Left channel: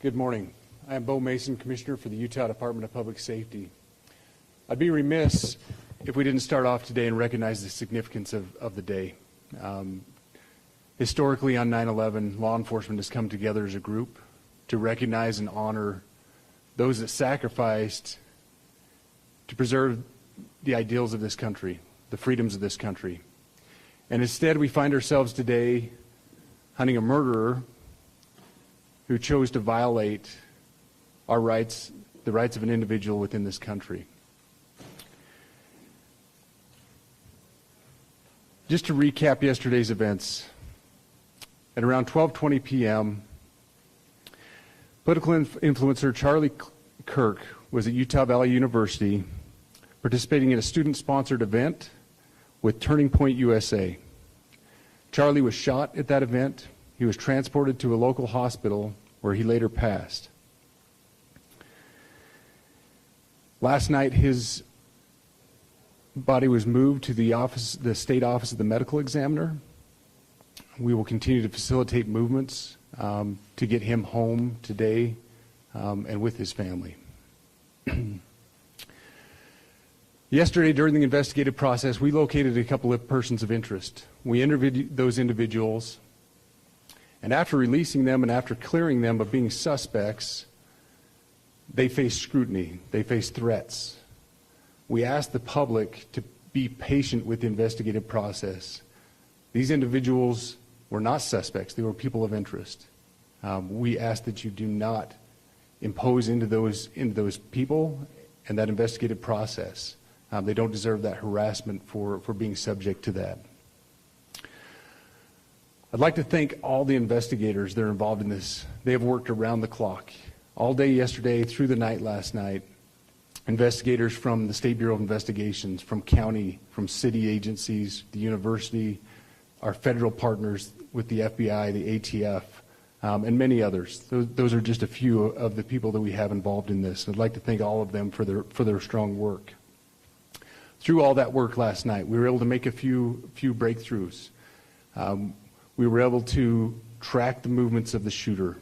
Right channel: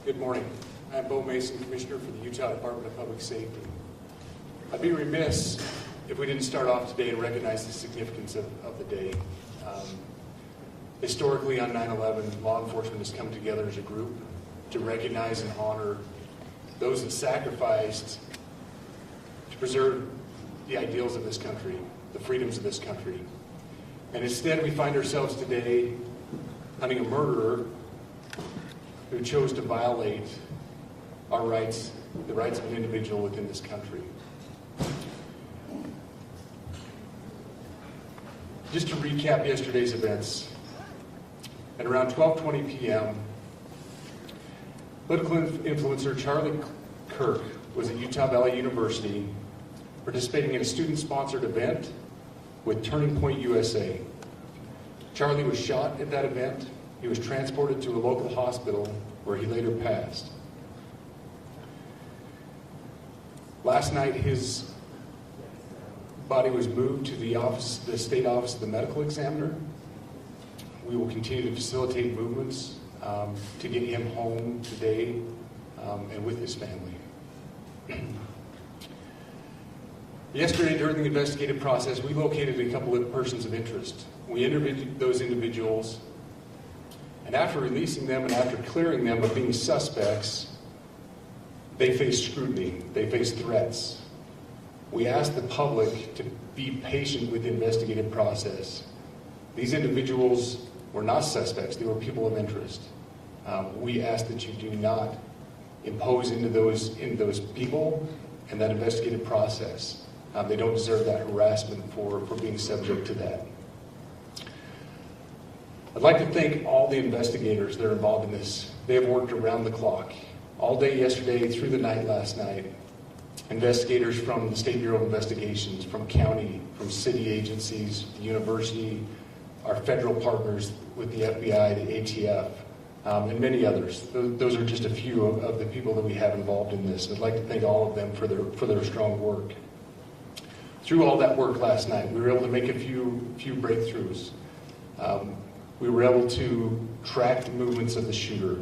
Good morning. I am Bo Mason, Commissioner for the Utah Department of Public Safety. I'd be remiss if we didn't start off today and recognize the significance of the day. Historically on 9/11, law enforcement has come together as a group to recognize and honor those that sacrificed to preserve the ideals of this country, the freedoms of this country. And instead we find ourselves today hunting a murderer who chose to violate our rights, the rights of an individual within this country. Just to recap yesterday's events, at around 12:20 p.m., political influencer Charlie Kirk was at Utah Valley University participating in a student-sponsored event with Turning Point USA. Charlie was shot at that event. He was transported to a local hospital where he later passed. Last night, his body was moved to the state office of the medical examiner. We will continue to facilitate movements to get him home today and with his family. Yesterday, during the investigative process, we located a couple of persons of interest. We interviewed those individuals, and after releasing them and after clearing them of being suspects, they faced scrutiny, they faced threats. We asked the public to be patient with the investigative process. These individuals were not suspects, they were people of interest. We ask that you do not impose into those people and that investigative process. They don't deserve that harassment for being subject to that. I'd like to thank all the investigators that are involved in this. They have worked around the clock. All day yesterday, through the night last night. Investigators from the State Bureau of Investigations, from county, from city agencies, the university, our federal partners with the FBI, the ATF, and many others. Those are just a few of the people that we have involved in this. I'd like to thank all of them for their strong work. Through all that work last night, we were able to make a few breakthroughs. We were able to track the movements of the shooter.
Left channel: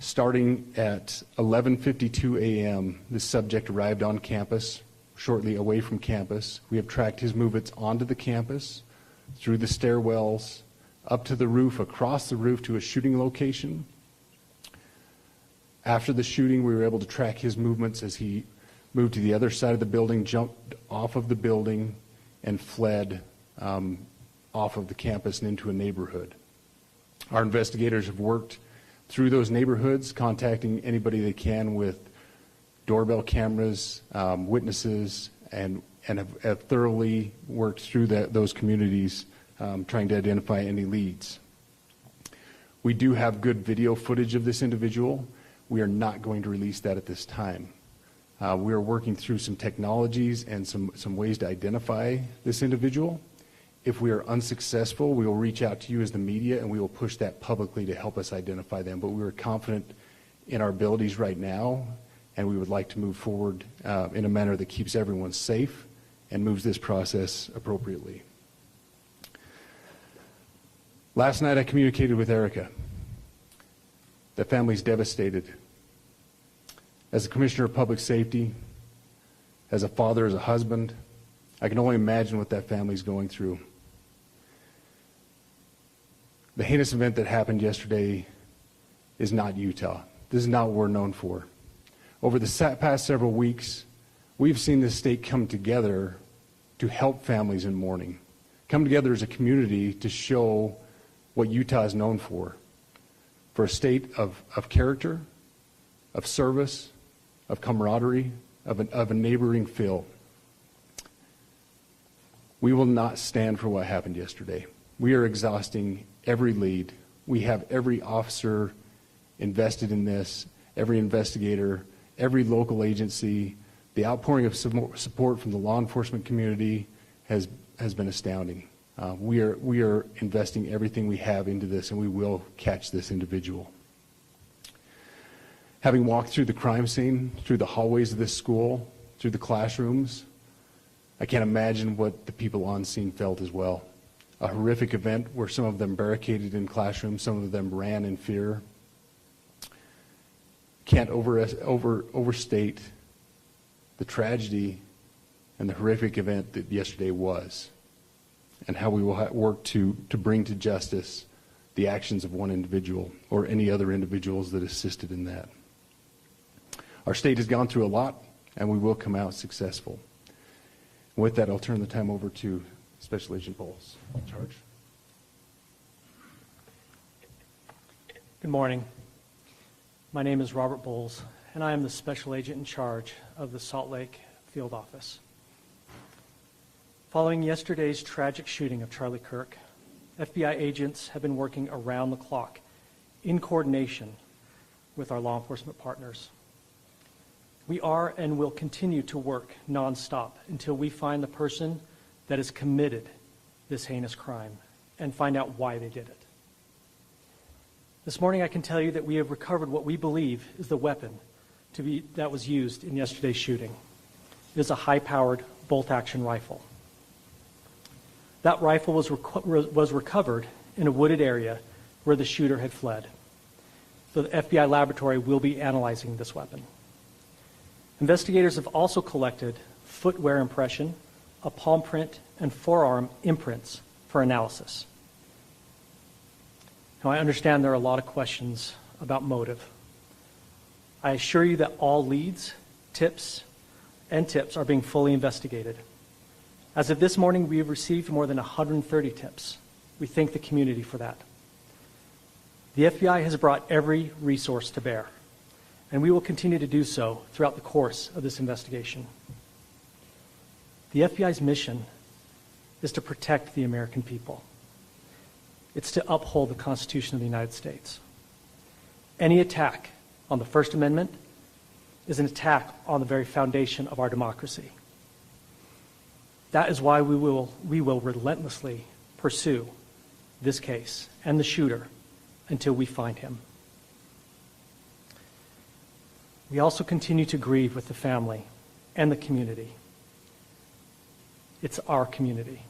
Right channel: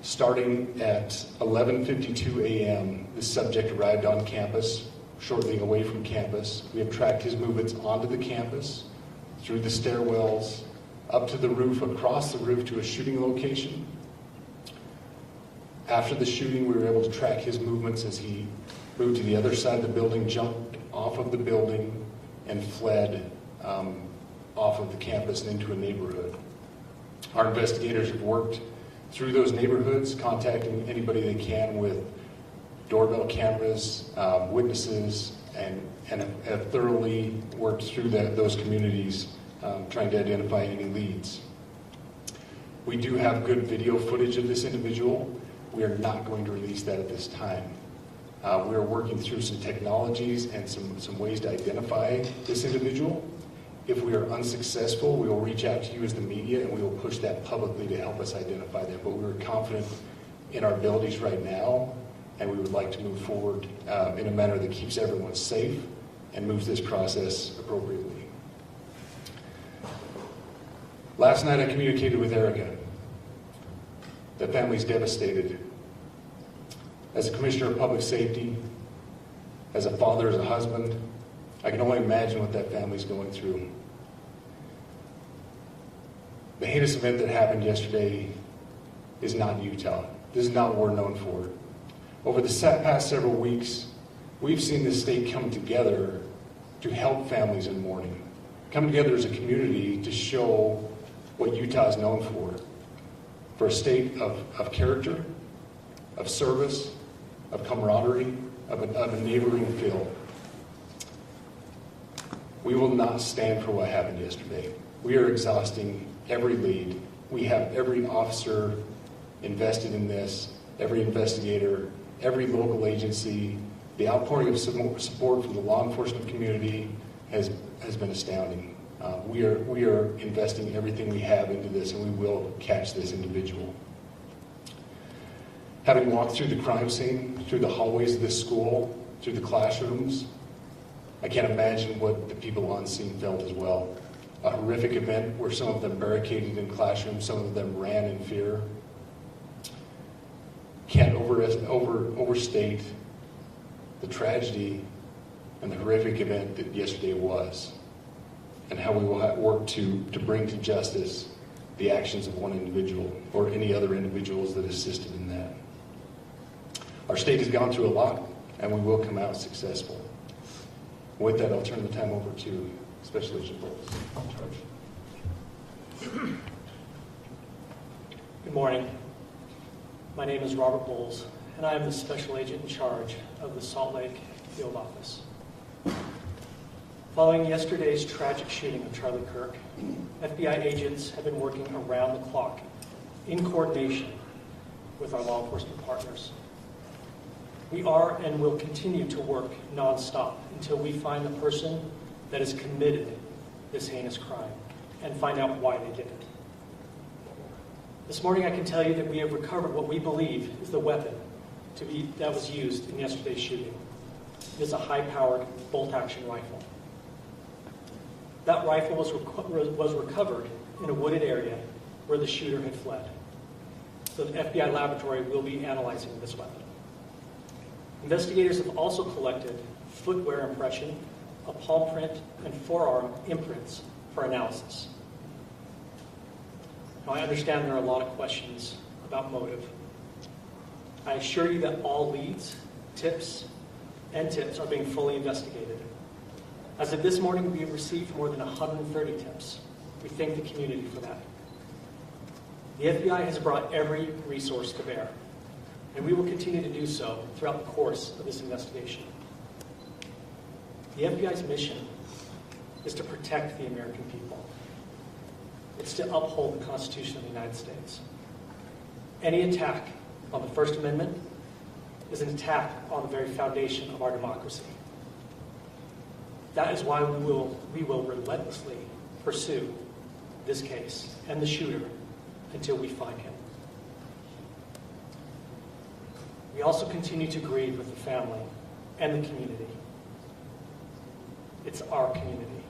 Starting at 11:52 a.m., the subject arrived on campus, shortly away from campus. We have tracked his movements onto the campus, through the stairwells, up to the roof, across the roof to a shooting location. After the shooting, we were able to track his movements as he moved to the other side of the building, jumped off of the building, and fled off of the campus and into a neighborhood. Our investigators have worked through those neighborhoods, contacting anybody they can with doorbell cameras, witnesses, and have thoroughly worked through those communities, trying to identify any leads. We do have good video footage of this individual. We are not going to release that at this time. We are working through some technologies and some ways to identify this individual. If we are unsuccessful, we will reach out to you as the media and we will push that publicly to help us identify them. But we are confident in our abilities right now, and we would like to move forward in a manner that keeps everyone safe and moves this process appropriately. Last night I communicated with Erica. The family's devastated. As a Commissioner of Public Safety, as a father, as a husband, I can only imagine what that family's going through. The heinous event that happened yesterday is not Utah. This is not what we're known for. Over the past several weeks, we've seen this state come together to help families in mourning, come together as a community to show what Utah is known for a state of character, of service, of camaraderie, of a neighboring feel. We will not stand for what happened yesterday. We are exhausting every lead. We have every officer invested in this, every investigator, every local agency. The outpouring of support from the law enforcement community has been astounding. We are investing everything we have into this, and we will catch this individual. Having walked through the crime scene, through the hallways of this school, through the classrooms, I can't imagine what the people on scene felt as well. A horrific event where some of them barricaded in classrooms, some of them ran in fear. can't overstate the tragedy and the horrific event that yesterday was, and how we will work to bring to justice the actions of one individual or any other individuals that assisted in that. Our state has gone through a lot, and we will come out successful. With that, I'll turn the time over to Special Agent Bowles. Charge. Good morning. My name is Robert Bowles, and I am the Special Agent in charge of the Salt Lake Field Office. Following yesterday's tragic shooting of Charlie Kirk, FBI agents have been working around the clock in coordination with our law enforcement partners. We are and will continue to work nonstop until we find the person that has committed this heinous crime and find out why they did it. This morning I can tell you that we have recovered what we believe is the weapon that was used in yesterday's shooting. It is a high-powered bolt-action rifle. That rifle was recovered in a wooded area where the shooter had fled. The FBI laboratory will be analyzing this weapon. Investigators have also collected footwear impression, a palm print, and forearm imprints for analysis. Now, I understand there are a lot of questions about motive. I assure you that all leads, tips are being fully investigated. As of this morning, we have received more than 130 tips. We thank the community for that. The FBI has brought every resource to bear, and we will continue to do so throughout the course of this investigation. The FBI's mission is to protect the American people. It's to uphold the Constitution of the United States. Any attack on the First Amendment is an attack on the very foundation of our democracy. That is why we will relentlessly pursue this case and the shooter until we find him. We also continue to grieve with the family and the community. It's our community.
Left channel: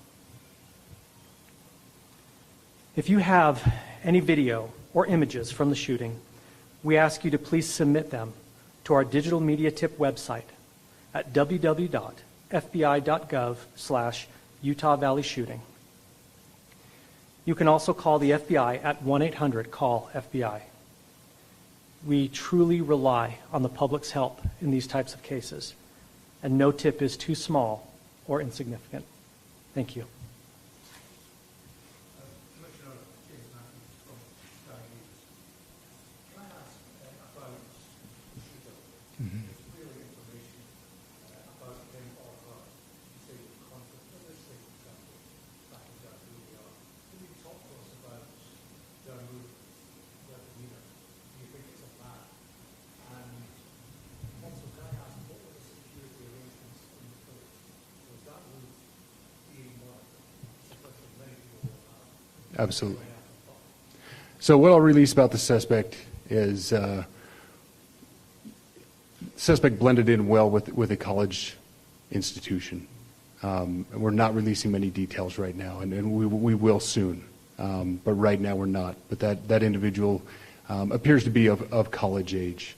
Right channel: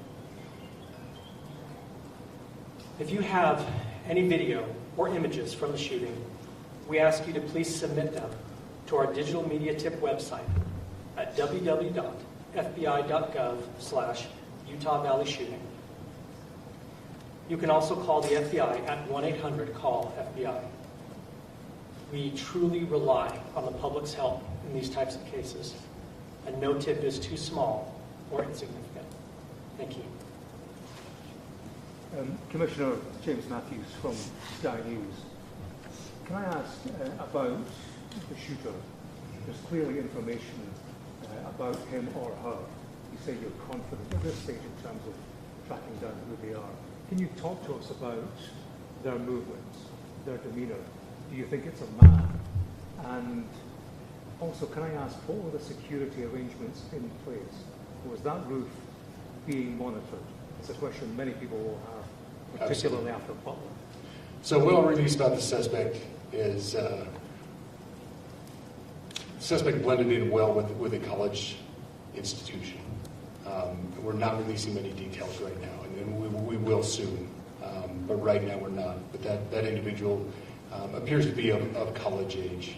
If you have any video or images from the shooting, we ask you to please submit them to our digital media tip website at www.fbi.gov/Utah Valley Shooting. You can also call the FBI at 1-800-CALL-FBI. We truly rely on the public's help in these types of cases, and no tip is too small or insignificant. Thank you. Commissioner James Matthews from Sky News. Can I ask about the shooter? There's clearly information about him or her. You say you're confident at this stage in terms of tracking down who they are. Can you talk to us about their movements, their demeanor? Do you think it's a man? And also, can I ask, what were the security arrangements in place? Was that roof being monitored? It's a question many people will have, particularly after Butler. So what I'll release about the suspect is suspect blended in well with a college institution. We're not releasing many details right now, and we will soon, but right now we're not. But that individual appears to be of college age.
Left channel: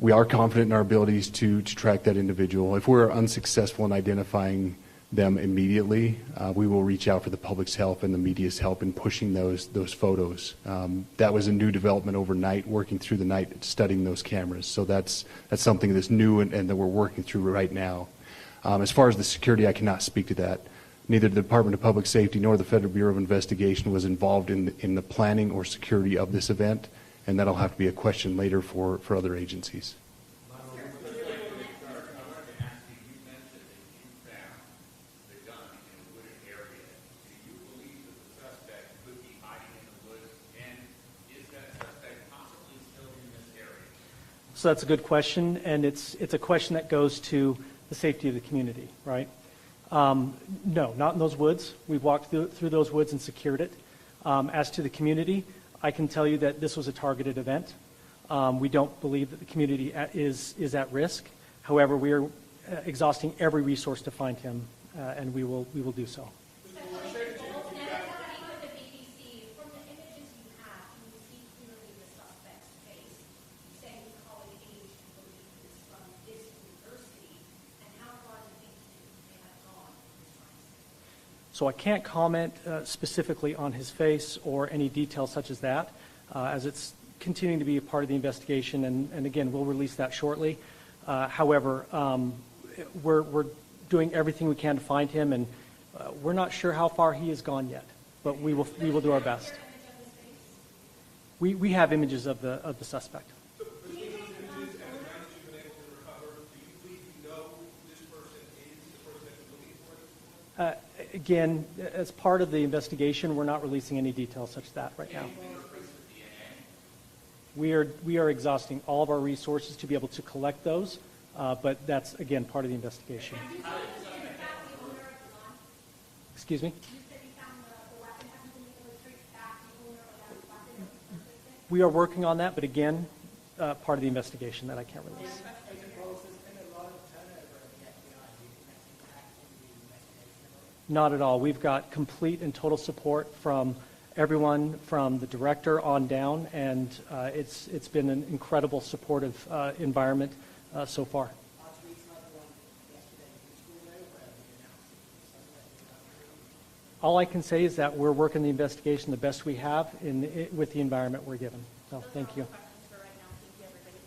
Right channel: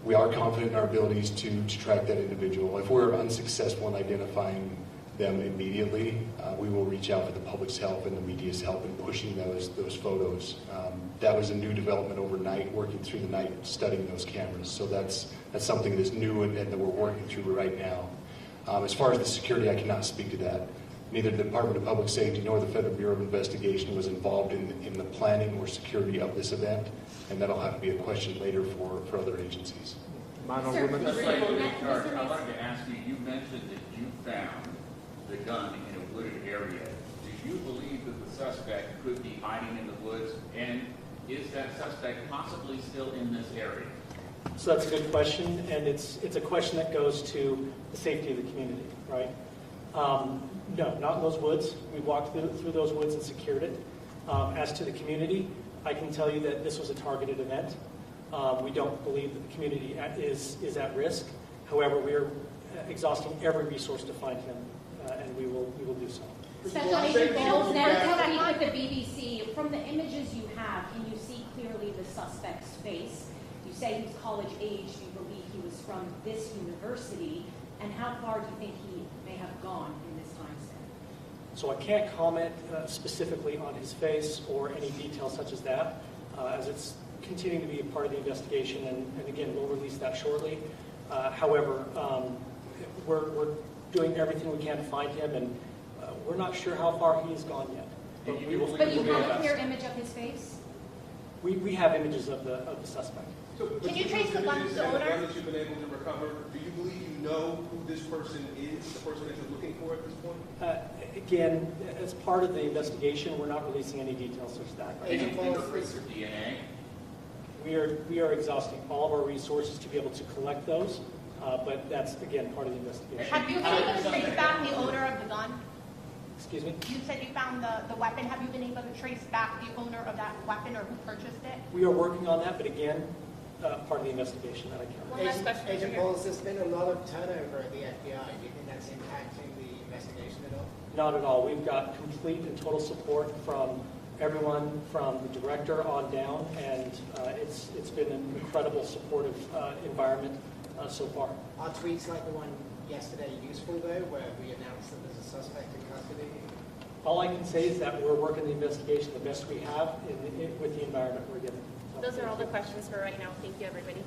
We are confident in our abilities to track that individual. If we're unsuccessful in identifying them immediately, we will reach out for the public's help and the media's help in pushing those photos. That was a new development overnight, working through the night, studying those cameras. So that's something that's new and that we're working through right now. As far as the security, I cannot speak to that. Neither the Department of Public Safety nor the Federal Bureau of Investigation was involved in the planning or security of this event, and that'll have to be a question later for other agencies. Man or woman? I wanted to ask you, you mentioned that you found the gun in a wooded area. Do you believe that the suspect could be hiding in the woods, and is that suspect possibly still in this area? So that's a good question, and it's a question that goes to the safety of the community, right? No, not in those woods. We walked through those woods and secured it. As to the community, I can tell you that this was a targeted event. We don't believe that the community is at risk. However, we are exhausting every resource to find him, and we will do so. Special Agent Bowles, now to speak with the BBC. From the images you have, can you see clearly the suspect's face? So I can't comment specifically on his face or any details such as that, as it's continuing to be a part of the investigation, and again, we'll release that shortly. However, we're doing everything we can to find him, and we're not sure how far he has gone yet, but we will But you do our have a best. clear image of his face? We have images of the suspect. So, but Can you with trace the those gun images to the and owner? gun that you've been able to recover, do you believe you know who this person is, the person that you're looking for at this point? Again, as part of the investigation, we're not releasing any details such as that right now. Any fingerprints or DNA? We are exhausting all of our resources to be able to collect those, but that's, again, part of the investigation. Have you been able to trace back the owner of the gun? Excuse me? You said you found the weapon. Have you been able to trace back the owner of that weapon or who purchased it? We are working on that, but again, part of the investigation that I can't. One last question. over Agent here. Bowles, there's been a lot of turnover at the FBI. Do you think that's impacting the investigation at all? Not at all. We've got complete and total support from everyone, from the director on down, and it's been an incredible supportive environment so far. Are tweets like the one yesterday useful, though, where we announced that there's a suspect in custody? All I can say is that we're working the investigation the best we have with the environment we're given. So, Those thank are all you. the questions for right now. Thank you, everybody.